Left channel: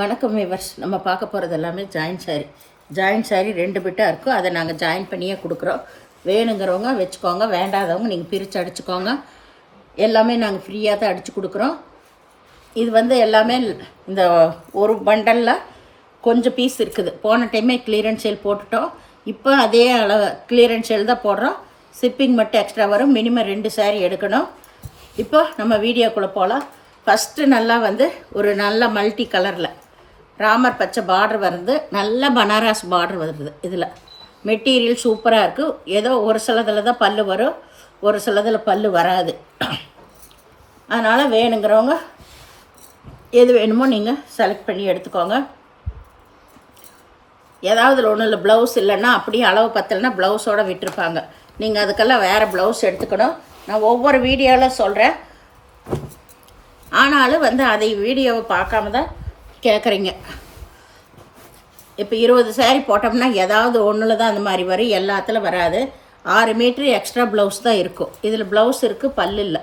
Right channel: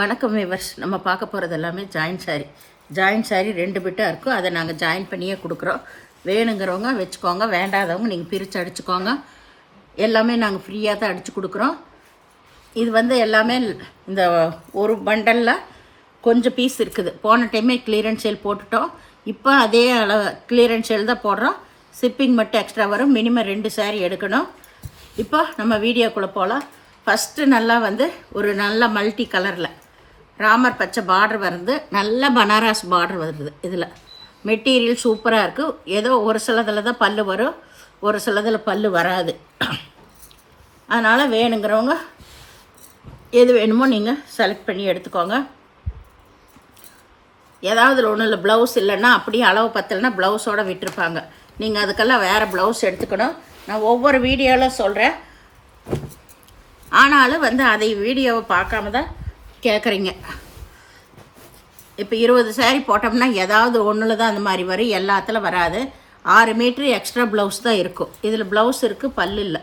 வணக்கம் விவர்ஸ். நம்ம பார்க்க போகிறது எல்லாமே ஜாயின்ட் சாரி 2 பிட்டாக இருக்கும். அதை நாங்கள் ஜாயின் பண்ணியே கொடுக்குறோம். வேணுங்கிறவங்க வச்சுக்கோங்க, வேண்டாதவங்க நீங்கள் பிரித்து அடிச்சுக்கோங்க. எல்லாமே நாங்கள் ஃப்ரீயாக தான் அடித்து கொடுக்குறோம். இது எல்லாமே இந்த ஒரு பண்டலில் கொஞ்சம் பீஸ் இருக்குது. போன டைமே கிளியரன்ஸ் சேல் போட்டுட்டோம். இப்போ அதே அளவு கிளியரன்ஸ் சேல் தான் போடுறோம். ஷிப்பிங் மட்டும் எக்ஸ்ட்ரா வரும். மினிமம் 2 சாரி எடுக்கணும். இப்போ நம்ம வீடியோக்குள்ளே போகலாம். ஃபஸ்ட்டு நல்லா ஒரு நல்ல மல்டி கலரில் ராமர் பச்சை பார்டர் வருது. நல்ல பனாரஸ் பார்டர் வருது. இதில் மெட்டீரியல் சூப்பராக இருக்குது. ஏதோ ஒரு சிலதில் தான் பல்லு வரும், ஒரு சிலதில் பல்லு வராது. அதனால் வேணுங்கிறவங்க எது வேணுமோ நீங்கள் செலக்ட் பண்ணி எடுத்துக்கோங்க. ஏதாவது ஒன்றும் இல்லை, ப்ளவுஸ் இல்லைன்னா அப்படியே அளவு பத்தலைன்னா ப்ளவுஸோடு விட்டுருப்பாங்க. நீங்கள் அதுக்கெல்லாம் வேறு ப்ளவுஸ் எடுத்துக்கணும். நான் ஒவ்வொரு வீடியோவில் சொல்கிறேன். ஆனாலும் அதை வீடியோவை பார்க்காம தான் கேட்குறீங்க. இப்போ 20 சாரீ போட்டோம்னா ஏதாவது ஒன்றில் தான் அந்த மாதிரி வரும், எல்லாத்துல வராது. 6 மீட்ரு எக்ஸ்ட்ரா ப்ளவுஸ் தான் இருக்கும். இதில் ப்ளவுஸ் இருக்குது, பல்லு இல்லை.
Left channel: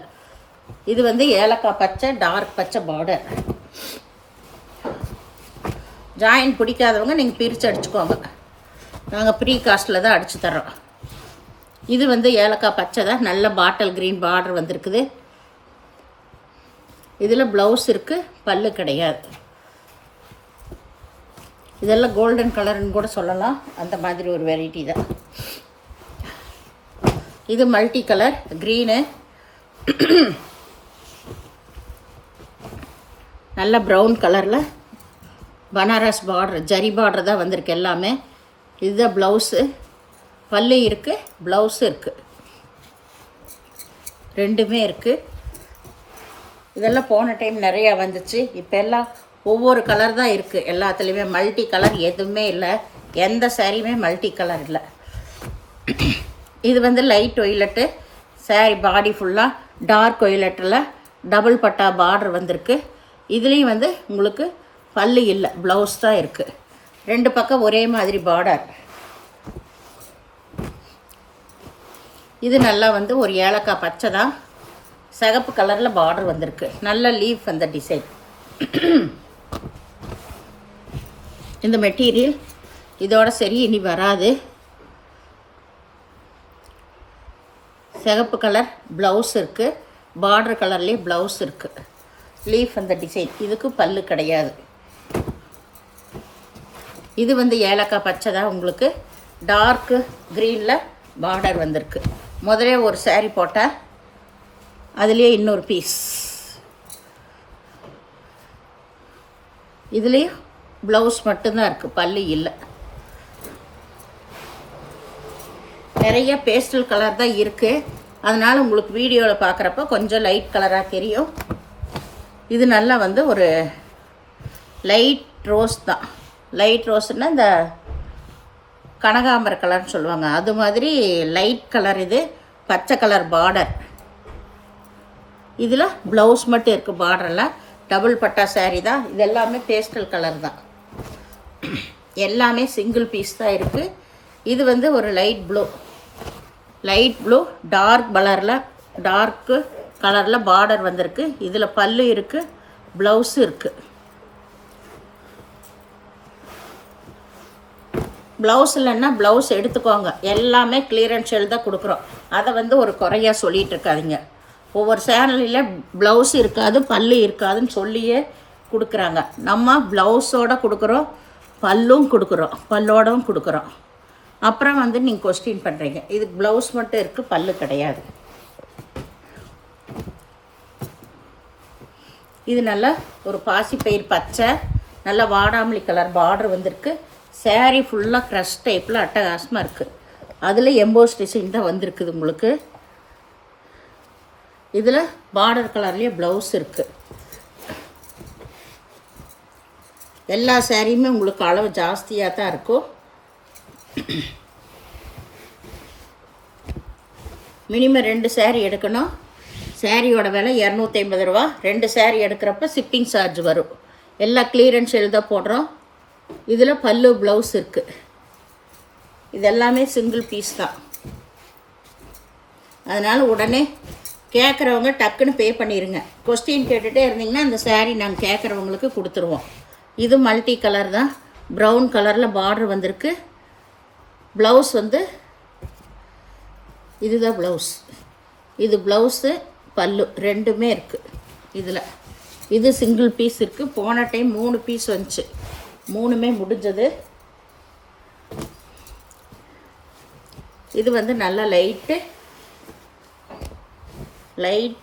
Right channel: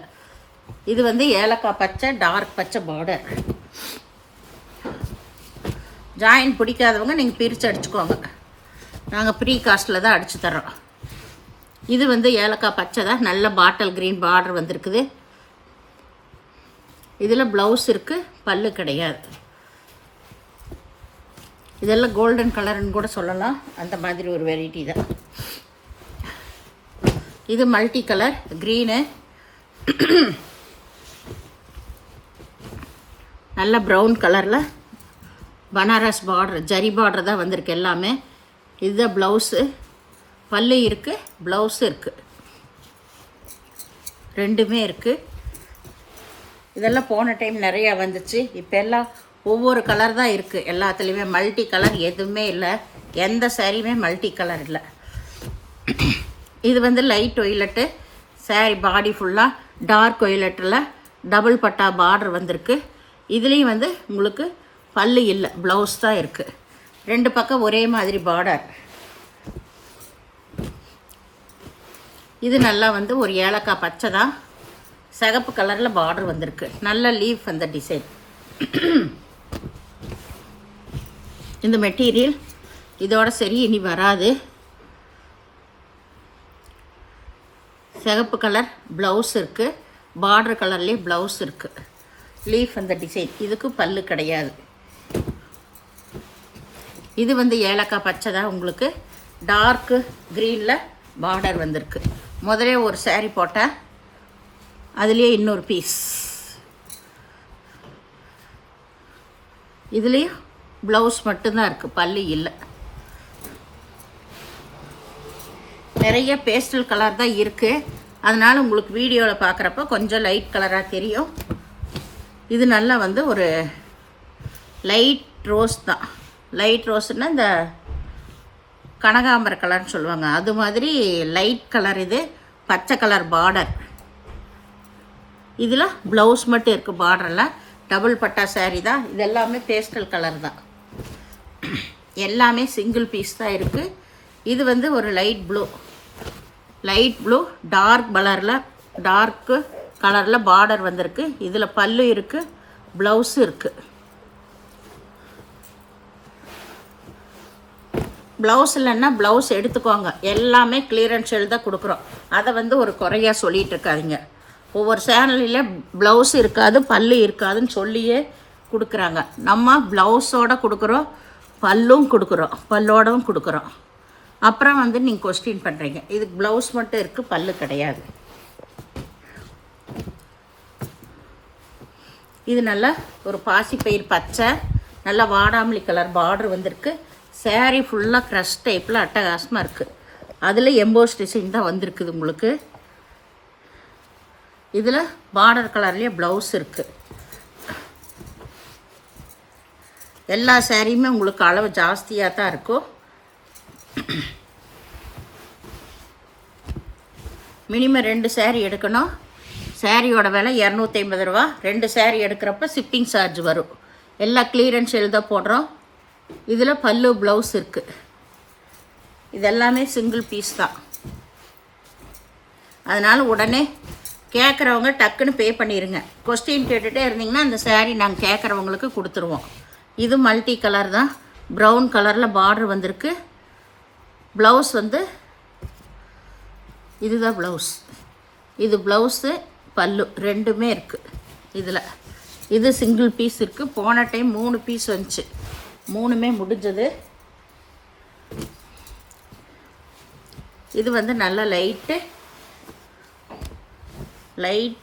இது ஏலக்காய் பச்சை, டார்க் பச்சை பார்டர். ஜாயின் பிடிக்காதவங்க நீங்கள் பிரித்து அடிச்சுக்கோங்க. நாங்கள் ப்ரீ காஸ்ட்டில் தான் அடித்து தர்றோம். இது ஏலக்காய் பச்சை தான். நல்ல பாட்டில் க்ரீன் பார்டர் வந்திருக்குது. இதில் ப்ளவுஸ் இருக்குது, பல்லு கிடையாது. இதெல்லாம் கோல்டன் கலர்னு கூட சொல்லலாம். அந்த மாதிரி ஒரு வெரைட்டி தான் இது. மல்டி கலர் க்ரீனு, நல்ல ப்ரௌன் கலரில் பனாரஸ் பார்டர், ஜரி பார்டர் தான் வந்திருக்கு எல்லாமே. இதுதான் ப்ளவுஸு. பல்லு இருக்குது, ப்ளவுஸு இருக்குது, ரெண்டுமே இருக்குது. இதெல்லாம் போன டைம் நிறையா வந்துச்சு. இப்போ எல்லாம் ஒவ்வொரு கலர் தான் இருக்குது. எல்லாத்துலேயுமே மல்டி கலர் எதுவுமே இல்லை. எந்த சாரியுமே மல்டி கலர் இல்லை. இது லைட் ஒய்லட்டு சாரி, பாடி ஃபுல்லாக டார்க் ஒய்லட்டில் டபுள் பட்டா பார்டர் வந்திருக்கு. இதுலேயும் உங்களுக்கு பல்லு இல்லை, ப்ளவுஸ் தான் இருக்குது. 2 பக்கம் ஒரே மாதிரி பார்டர். இது நல்லா ஒரு ஏலக்காய் பச்சை தான், சிகப்பு கலரில் பார்டர் வந்திருக்கு. நல்ல லீஃப் அந்த டிசைன். இந்த மெட்டீரியல் இதோட சரி இனி வராது. சிகப்பு கலர் ப்ளவுஸ் இருக்குது, பார்டர் கலர்லேயே ப்ளவுஸ் இருக்குது. லீஃப் அந்த டிசைன். இதுக்கு பல்லு கிடையாது. இது ஏலக்காய் பச்சை தான். உங்களுக்கு டார்க்கு க்ரீனில் பார்டர் வந்திருக்கு. முதல்ல ஒரு சாரீ போட்டேன், அதுலேயே இன்னொரு பீஸ். இதுலேயும் ப்ளவுஸ் மட்டும்தான் இருக்குது, பல்லு இல்லை. நிறைய பேஸ்டல் கலர் தான் இருக்குது. அதனால் உங்களுக்கு வீடியோவில் பார்க்குறப்ப கொஞ்சம் லைட் கலராக தெரியும். இது நல்லா ஒரு லைட் ரோஸ் தான். லைட் ரோஸ்னால் இந்த கனகாம்பர கலர்னு சொல்லுவாங்க, அது மாதிரி லைட் கலர். இது பச்சை கலர் பார்டர். இதில் ப்ளவுஸ் மட்டும் இருக்குது. பார்டரெல்லாம் டபுள் பட்டா சாரீ தான். இது எல்லாமே பேஸ்டல் கலர் தான். எல்லாமே சிங்கிள் பீஸ் தான் இருக்குது. இது ஒரு லைட் ப்ளூ டார்க் கலரில் பார்டர் வந்திருக்கு. இதில் பல்லு இருக்குது, ப்ளவுஸு இருக்குது. ப்ளவுஸ் இல்லைன்னா ப்ளவுஸ் எடுத்துக்கோங்க. எல்லாமே கிளியரன்ஸ் சேல் தான் கொடுக்குறோம். அதை ஒரு குறையாக சொல்லிகிட்டு இருக்காதிங்க. ஒவ்வொரு சேனல்லையும் ப்ளவுஸ் இருக்காது, பல்லு இருக்காதுன்னு சொல்லியே கொடுக்குறாங்க. நம்ம ப்ளவுஸோடு கொடுக்குறோம், பல்லும் கொடுக்குறோம், பல்லோடவும் கொடுக்குறோம். அப்புறம் நீங்கள் கொஸ்டின் பண்ணுறீங்க, இது ப்ளவுஸ் மட்டும் இருக்குது, பல்லு கிடையாது. இது நல்லா ஒரு பாசிப்பயிர் பச்சை, நல்லா வாடாமல்லி கலர் பார்டர் வந்திருக்கு. சாரீ ஃபுல்லாக க்ரஷ் டைப்பில் அட்டகாசமாக இருக்குது. அதில் எம்போஸ் டிசைன் தான் வந்திருக்குது உங்களுக்கு. இதில் பார்டர் கலர்லேயே ப்ளவுஸ் இருக்குது. எல்லா சாரியுமே உங்களுக்கு அளவு ஜாஸ்தியாக தான் இருக்கும். மினிமம் 2 சாரீ எடுக்கணும். சாரியோட விலை 250 ரூபா. 2 சாரீ எடுக்கிறப்ப ஷிப்பிங் சார்ஜ் வரும். எல்லாம் கிளியரன்ஸ் சேல் தான் போடுறோம். இதில் பல்லு ப்ளவுஸ் இருக்குது. இது எல்லாமே சிங்கிள் பீஸ் தான். அதனால் உடனே கேட்குறவங்க டக்குன்னு பே பண்ணிடுங்க. கொஸ்டின் கேட்டுகிட்டே இருந்தீங்கன்னா அந்த சாரீ நாங்கள் கேட்குறவங்களுக்கு கொடுத்துருவோம். இது மல்டி கலர் தான், ப்ரௌன் கலரில் பார்டர் வந்திருக்கு. ப்ளவுஸ் வந்து இதுதான் ப்ளவுஸ். இது ப்ளவுஸு பல்லு ரெண்டுமே இருக்குது இதில். இது சிங்கிள் பீஸ் இருக்குது. போன டைம் 3 பீஸ் வந்துச்சு, 3மே முடிஞ்சது. இது வந்து நல்லா லைட்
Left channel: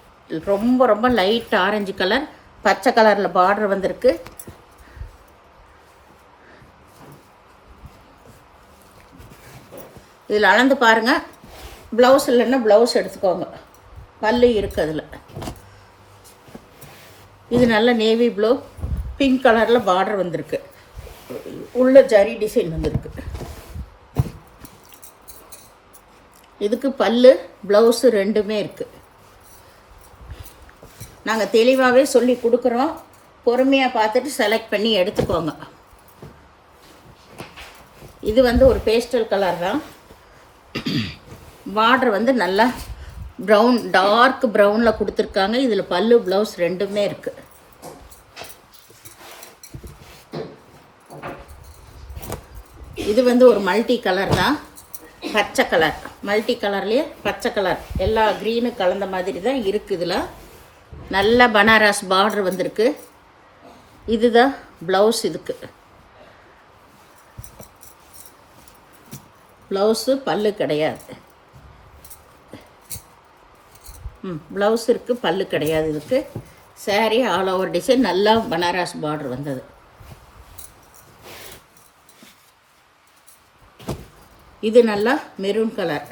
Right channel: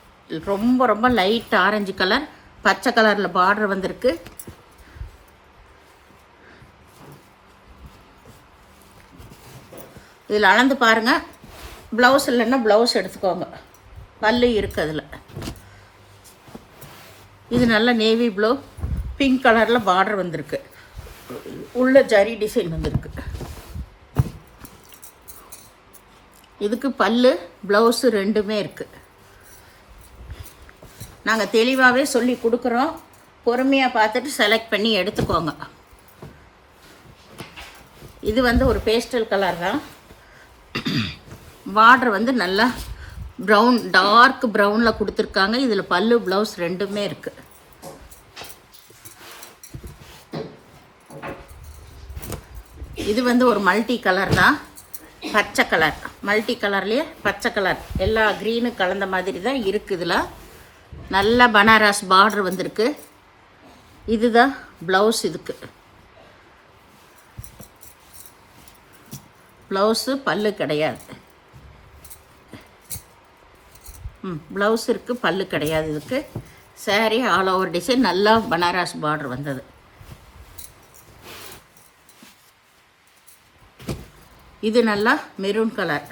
ரொம்ப ரொம்ப லைட் ஆரஞ்சு கலர், பச்சை கலரில் பார்டர் வந்திருக்கு. இதில் அளந்து பாருங்கள். ப்ளவுஸ் இல்லைன்னா ப்ளவுஸ் எடுத்துக்கோங்க, பல்லு இருக்குது அதில். இது நல்ல நேவி ப்ளூ பிங்க் கலரில் பார்டர் வந்திருக்கு, உள்ள ஜரி டிசைன் வந்திருக்கு. இதுக்கு பல்லு ப்ளவுஸு ரெண்டுமே இருக்குது. நாங்கள் தெளிவாகவே சொல்லி கொடுக்குறோம், பொறுமையாக பார்த்துட்டு செலக்ட் பண்ணி எடுத்துக்கோங்க. இது வந்து ஒரு பேஸ்டல் கலர் தான். பார்டர் வந்து நல்லா ப்ரௌன், டார்க் ப்ரௌனில் கொடுத்துருக்காங்க. இதில் பல்லு ப்ளவுஸ் ரெண்டுமே இருக்குது. இது வந்து ஒரு மல்டி கலர் தான், பச்சை கலர். மல்டி கலர்லேயே பச்சை கலர் எல்லா க்ரீனும் கலந்த மாதிரி தான் இருக்குது. இதில் நல்ல பனாரஸ் பார்டர் வந்திருக்கு. இதுதான் ப்ளவுஸ். இதுக்கு ப்ளவுஸு பல்லு கிடையாது. ப்ளவுஸ் இருக்குது, பல்லு கிடையாது. இதுக்கு சாரீ ஆல் ஓவர் டிசைன் நல்லா பனாரஸ் பார்டர் வந்தது. இது நல்லா மெரூன் கலர்,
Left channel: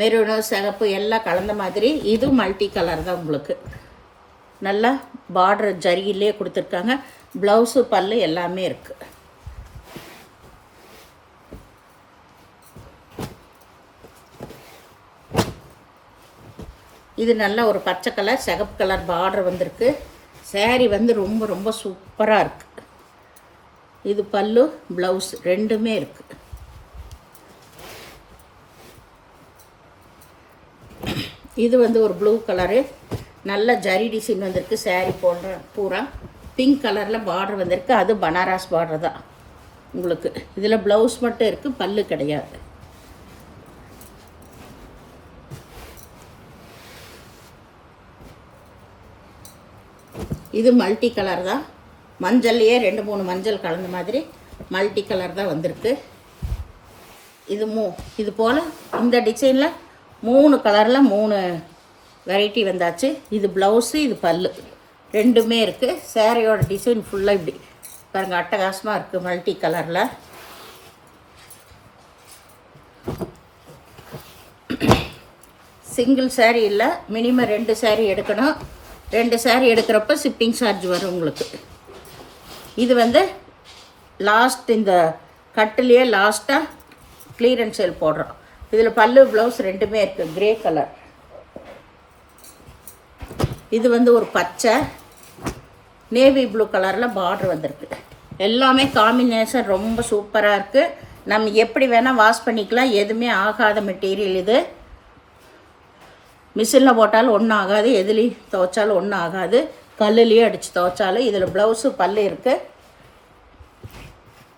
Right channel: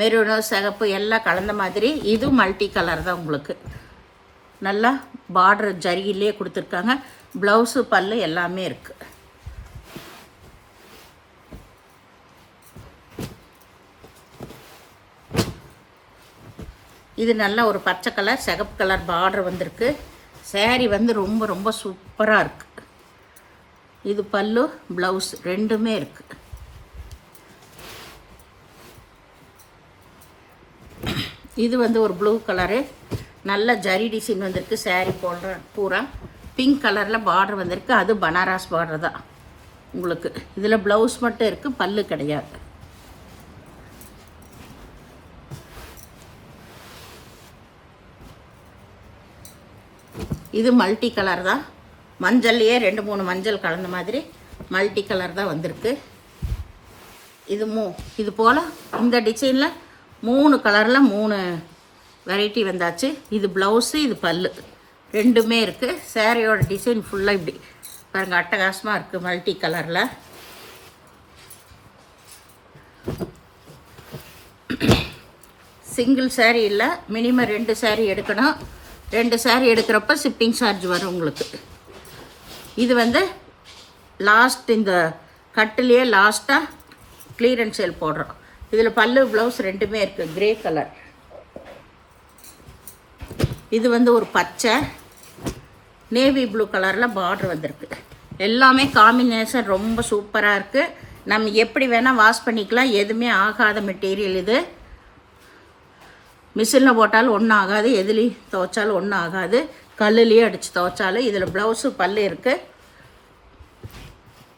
மெரூனு சிகப்பு எல்லாம் கலந்த மாதிரி. இது மல்டி கலர் தான். உங்களுக்கு நல்லா பார்டர் ஜரியிலே கொடுத்துருக்காங்க. ப்ளவுஸு பல்லு எல்லாமே இருக்குது. இது நல்ல ஒரு பச்சை கலர் சிகப்பு கலர் பார்டர் வந்திருக்கு. சாரீ வந்து ரொம்ப ரொம்ப சூப்பராக இருக்குது. இது பல்லு ப்ளவுஸ் ரெண்டுமே இருக்குது. இது வந்து ஒரு ப்ளூ கலரு, நல்ல ஜரி டிசைன் வந்திருக்கு. சாரீ போடுற பூரா பிங்க் கலரில் பார்டர் வந்திருக்கு. அது பனாரஸ் பார்டர் தான் உங்களுக்கு. இதில் ப்ளவுஸ் மட்டும் இருக்குது, பல்லு கிடையாது. இது மல்டி கலர் தான், மஞ்சள்லேயே 2-3 மஞ்சள் கலந்த மாதிரி மல்டி கலர் தான் வந்திருக்கு. இது போல் இந்த டிசைனில் 3 கலரில் 3 வெரைட்டி வந்தாச்சு. இது ப்ளவுஸு, இது பல்லு ரெண்டுமே இருக்குது. சாரியோட டிசைன் ஃபுல்லாக இப்படி பாருங்கள், அட்டகாசமாக இருக்குது மல்டி கலரில். சிங்கிள் சாரீ இல்லை, மினிமம் 2 சாரீ எடுக்கணும். 2 சாரீ எடுக்கிறப்ப ஷிப்பிங் சார்ஜ் வரும் உங்களுக்கு. இது வந்து லாஸ்ட், இந்த கட்டுலேயே லாஸ்ட்டாக கிளியரன்ஸ் சேல் போடுறோம். இதில் பல்லு ப்ளவுஸ் ரெண்டுமே இருக்குது, கிரே கலர். இது வந்து ஒரு பச்சை நேவி ப்ளூ கலரில் பார்டர் வந்திருக்கு. எல்லாமே காம்பினேஷன் ரொம்ப சூப்பராக இருக்குது. நம்ம எப்படி வேணால் வாஷ் பண்ணிக்கலாம், எதுவுமே ஆகாத மெட்டீரியல் இது. மிஷினில் போட்டாலும் ஒன்றும் ஆகாது, எதுலேயும் துவைச்சாலும் ஒன்றும் ஆகாது, கல்லுலேயே அடித்து துவைச்சாலும். இதில் ப்ளவுஸு பல்லு இருக்குது.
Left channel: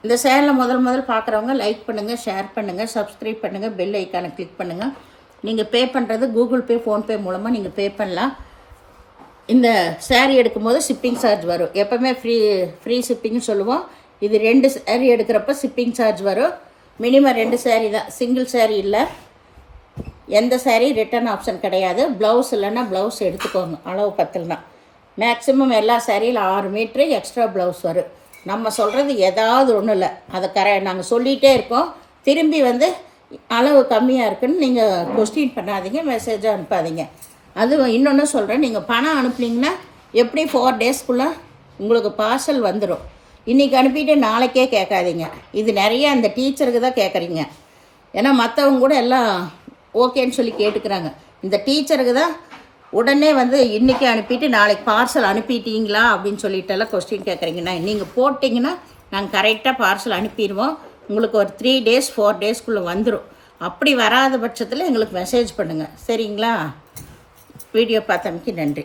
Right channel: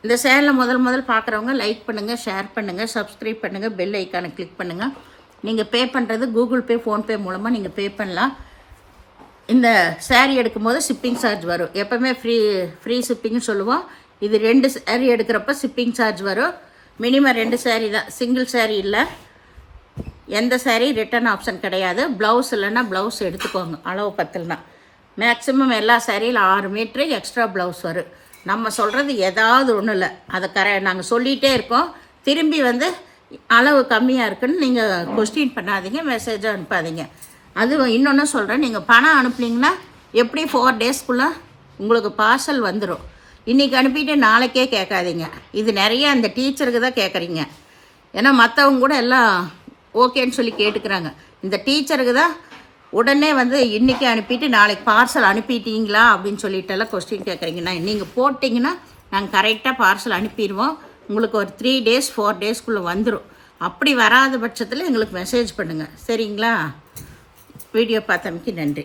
இந்த சேனலில் முதல் பார்க்குறவங்க லைக் பண்ணுங்கள், ஷேர் பண்ணுங்கள், சப்ஸ்கிரைப் பண்ணுங்கள், பெல் ஐக்கானை கிளிக் பண்ணுங்கள். நீங்கள் பே பண்ணுறது கூகுள் பே, ஃபோன்பே மூலமாக நீங்கள் பே பண்ணலாம். இந்த சாரீ எடுக்கும்போது ஷிப்பிங் சார்ஜ் வரும். எப்போவுமே ஃப்ரீ ஷிப்பிங்னு சொல்லுவோம். இது 2 சாரீ எடுக்கிறப்ப ஷிப்பிங் சார்ஜ் வரும். மினிமம் 2 சாரீ தான், சிங்கிள் சாரீ இல்லை. எந்த சாரீ ரிட்டர்ன் ஆப்ஷன் கிடையாது. ப்ளவுஸ் இல்லைன்னா ப்ளவுஸ் எடுத்துக்கோங்க, அளவு பத்தலைன்னா. மேக்ஸிமம் எல்லா சாரியில் 6 மீட்ரு எக்ஸ்ட்ரா ப்ளவுஸ் வரும். நம்ம சொல்கிறது ஏதாவது ஒன்றும் இல்லை, அதை நாங்கள் சொல்லிகிட்டே இருக்கோம். திரும்பி வந்து அளவு கம்மியாக இருக்குன்னு நீங்கள் கொஸ்டின் பண்ணாதீங்க, மெசேஜாக அனுப்பாதீங்க. அது இன்னொன்று சொல்கிறேன், நீங்கள் பணம் அனுப்புனீங்கன்னா எப்படி 4 டேஸ்க்குள்ளே உங்களுக்கு பார்சல் வந்துடும். இன்றைக்கி அனுப்பிட்டு நாளைக்கே கேட்காதீங்க. இது நிறைய அந்த டீச்சருக்கு தான் கேட்குறீங்க. ஏன்னா மற்றவங்க கூட எல்லாம் ஓகேன்னு சொல்லி கேட்டுக்கிறாங்க. இந்த டீச்சருக்கு தான் உடனே வந்து இன்றைக்கி அனுப்பிட்டு நாளைக்கு பார்சல் அனுப்பிட்டீங்களா அப்படின்னு சொல்லிட்டெல்லாம் கொஸ்டின் கேட்குறீங்கன்னா, நீங்கள் போட்டிங்கன்னா நாங்கள் கரெக்டாக பார்சல் அனுப்பிடுவோம். உங்களுக்கு ஒரு 3 டேஸ் 4 டேஸ்க்குள்ளே வந்துடும். அப்படி வராத பட்சத்தில் எங்களுக்கு மெசேஜ் பண்ணுங்கள், சரிங்களா? வீடியோ பார்த்தமைக்கு நன்றி.